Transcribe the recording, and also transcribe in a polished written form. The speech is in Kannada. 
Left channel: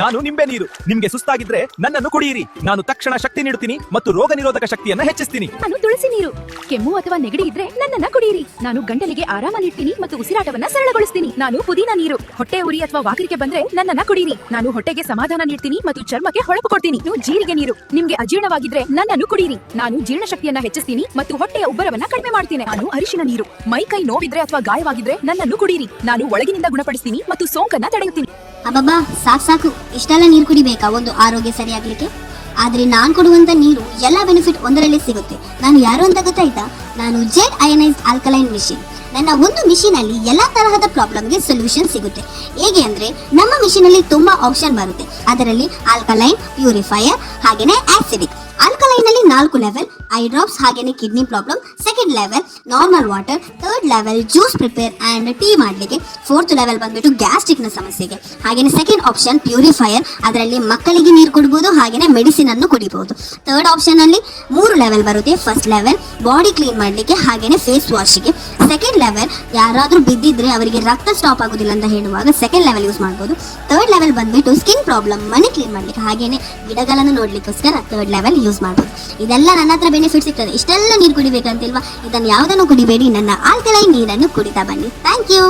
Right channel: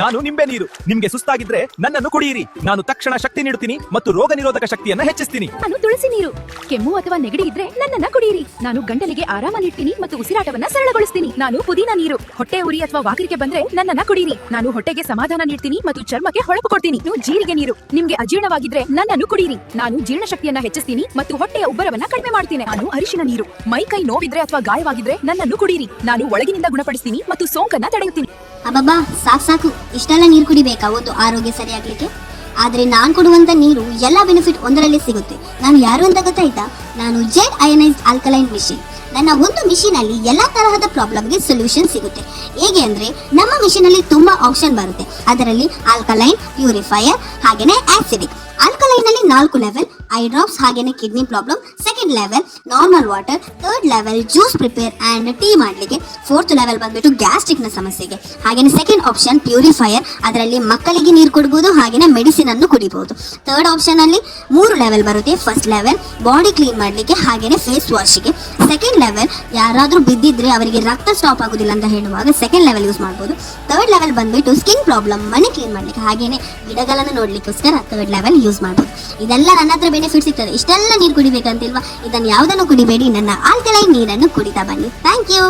ನಾನು ನಿಂಬೆ ನೀರು. ನಿಮ್ಗೆ ಸುಸ್ತಾಗಿದ್ರೆ ನನ್ನನ್ನು ಕುಡಿಯಿರಿ. ನಾನು ತಕ್ಷಣ ಶಕ್ತಿ ನೀಡುತ್ತೀನಿ ಮತ್ತು ರೋಗ ನಿರೋಧಕ ಶಕ್ತಿಯನ್ನ ಹೆಚ್ಚಿಸ್ತೀನಿ. ನಾನು ತುಳಸಿ ನೀರು. ಕೆಮ್ಮು ಅಥವಾ ನೆಗಡಿ ಇದ್ರೆ ನನ್ನನ್ನ ಕುಡಿಯಿರಿ. ನಾನು ಗಂಟಲಿಗೆ ಆರಾಮ ನೀಡ್ತೀನಿ ಮತ್ತು ಉಸಿರಾಟವನ್ನ ಸರಳಗೊಳಿಸ್ತೀನಿ. ನಾನು ಪುದೀನ ನೀರು. ಹೊಟ್ಟೆ ಉರಿ ಅಥವಾ ವಾಕರಿಕೆ ಬಂದ್ರೆ ನನ್ನನ್ನ ಕುಡಿಯಿರಿ. ನಾನು ಹೊಟ್ಟೆಗೆ ಸಮಾಧಾನ ನೀಡ್ತೀನಿ ಮತ್ತು ಚರ್ಮಕ್ಕೆ ಹೊಳಪು ಕೊಡ್ತೀನಿ. ನೀವು ಜೀರಿಗೆ ನೀರು. ನಿಮ್ಗೆ ಅಜೀರ್ಣವಾಗಿದ್ರೆ ನನ್ನನ್ನು ಕುಡಿಯಿರಿ. ನಾನು ಜೀರ್ಣಶಕ್ತಿಯನ್ನ ಹೆಚ್ಚಿಸ್ತೀನಿ ಮತ್ತು ಹೊಟ್ಟೆಯ ಉಬ್ಬರವನ್ನ ಕಡಿಮೆ ಮಾಡ್ತೀನಿ. ನಾನು ಅರಿಶಿನ ನೀರು. ಮೈ ಕೈ ನೋವಿದ್ರೆ ಅಥವಾ ಗಾಯವಾಗಿದ್ರೆ ನನ್ನನ್ನು ಕುಡಿಯಿರಿ. ನಾನು ಒಳಗಿನಿಂದ ಗುಣಪಡಿಸ್ತೀನಿ ಮತ್ತು ಸೋಂಕನ್ನ ತಡೆಯುತ್ತೀನಿ. ಅಬ್ಬಬ್ಬಾ, ಸಾಕು. ಇಷ್ಟೆಲ್ಲ ನೀರು ಕುಡಿಬೇಕಾ ಒಂದು ಆರೋಗ್ಯ ಸರಿಯಾಗ್ಲಿಕ್ಕೆ? ಆದ್ರೆ ನಾನ್ ಕೊಡುವಂತ ನೀರು ಎಲ್ಲಾ ಬೆನಿಫಿಟ್ ಒಂದರಲ್ಲಿ ಸಿಗುತ್ತೆ. ನಾನು ಯಾರು ಅಂತ ಗೊತ್ತಾಯ್ತಾ? ನಾನು ಜೆಡ್ ಅಯನೈಸ್ಡ್ ಆಲ್ಕಲೈನ್ ಮಿಷಿನ್. ನನ್ನ ಒಂದು ಮಿಷಿನ್ ಅಲ್ಲಿ ಎಲ್ಲಾ ತರಹದ ಪ್ರಾಬ್ಲಮ್ಗೆ ಸೊಲ್ಯೂಷನ್ ಸಿಗುತ್ತೆ. ಹೇಗೆ ಅಂದ್ರೆ ನಮ್ಮ ಮಿಷಿನ್ ಅಲ್ಲಿ ತುಂಬಾ ಆಪ್ಷನ್ ಬರುತ್ತೆ. ಅದರಲ್ಲಿ ಆಲ್ಕಲೈನ್, ಪ್ಯೂರಿಫೈಯರ್ ಹಾಗೇನೆ ಆಸಿಡಿಕ್. ಆಲ್ಕಲೈನ್ ಅಲ್ಲಿ 4 ಲೆವೆಲ್: ಐ ಡ್ರಾಪ್ಸ್ ಹಾಗೇನೆ kidney problem. Second level normal water. Third level juice prepare and tea ಮಾಡ್ಲಿಕ್ಕೆ. ಫೋರ್ತ್ ಲೆವೆಲ್ ಬಂದ್ಬಿಟ್ಟು ಗ್ಯಾಸ್ಟ್ರಿಕ್ ನ ಸಮಸ್ಯೆಗೆ. ಹಾಗೇನೆ ಸೆಕೆಂಡ್ ಆಪ್ಷನ್ ಪ್ಯೂರಿಫೈಯರ್. ಅದರಲ್ಲಿ ಮಕ್ಕಳಿಗೆ ನೀರು ಕುಡಿಬಹುದು ಹಾಗೇನೆ ಮೆಡಿಸಿನ್ ಅನ್ನು ಕುಡಿಬಹುದು. ಥರ್ಡ್ ಆಪ್ಷನ್ ಅಲ್ಲಿ 3 ಲೆವೆಲ್ ಬರುತ್ತೆ. ಫಸ್ಟ್ ಲೆವೆಲ್ ಬಾಡಿ ಕ್ಲೀನ್ ಮಾಡ್ಲಿಕ್ಕೆ ಹಾಗೇನೆ ಫೇಸ್ ವಾಶ್ಗೆ. ಸೆಕೆಂಡ್ ಲೆವೆಲ್ ಯಾರಾದ್ರೂ ಬಿದ್ದಿದ್ರೆ ಅವರಿಗೆ ರಕ್ತ ಸ್ಟಾಪ್ ಆಗುದಿಲ್ಲ ಅಂತ ಹೇಳುವಾಗ ಸೆಕೆಂಡ್ ಲೆವೆಲ್ ಯೂಸ್ ಮಾಡಬಹುದು. ಥರ್ಡ್ ಲೆವೆಲ್ ಬಂದ್ಬಿಟ್ಟು ಸ್ಕಿನ್ ಪ್ರಾಬ್ಲಮ್, ಮನೆ ಕ್ಲೀನ್ ಮಾಡ್ಲಿಕ್ಕೆ ಹಾಗೇನೆ ಗಿಡಗಳನ್ನು ನೋಡ್ಲಿಕ್ಕೋಸ್ಕರ ಥರ್ಡ್ ಲೆವೆಲ್ ಯೂಸ್ ಮಾಡಬಹುದು. ಇದೆಲ್ಲ ನನ್ನ ಹತ್ರ ಬೆನಿಫಿಟ್ ಸಿಗ್ತದೆ. ಇಷ್ಟೆಲ್ಲ ನೀರು ಕುಡಿಬೇಕಂತಿಲ್ವಾ? ಇದನ್ನು ಯಾವುದನ್ನು ಕುಡಿಬೇಡಿ, ನನ್ನ ಆಲ್ಕಲೈನ್ ನೀರನ್ನು ಕುಡಿತಾ ಬನ್ನಿ. Thank you.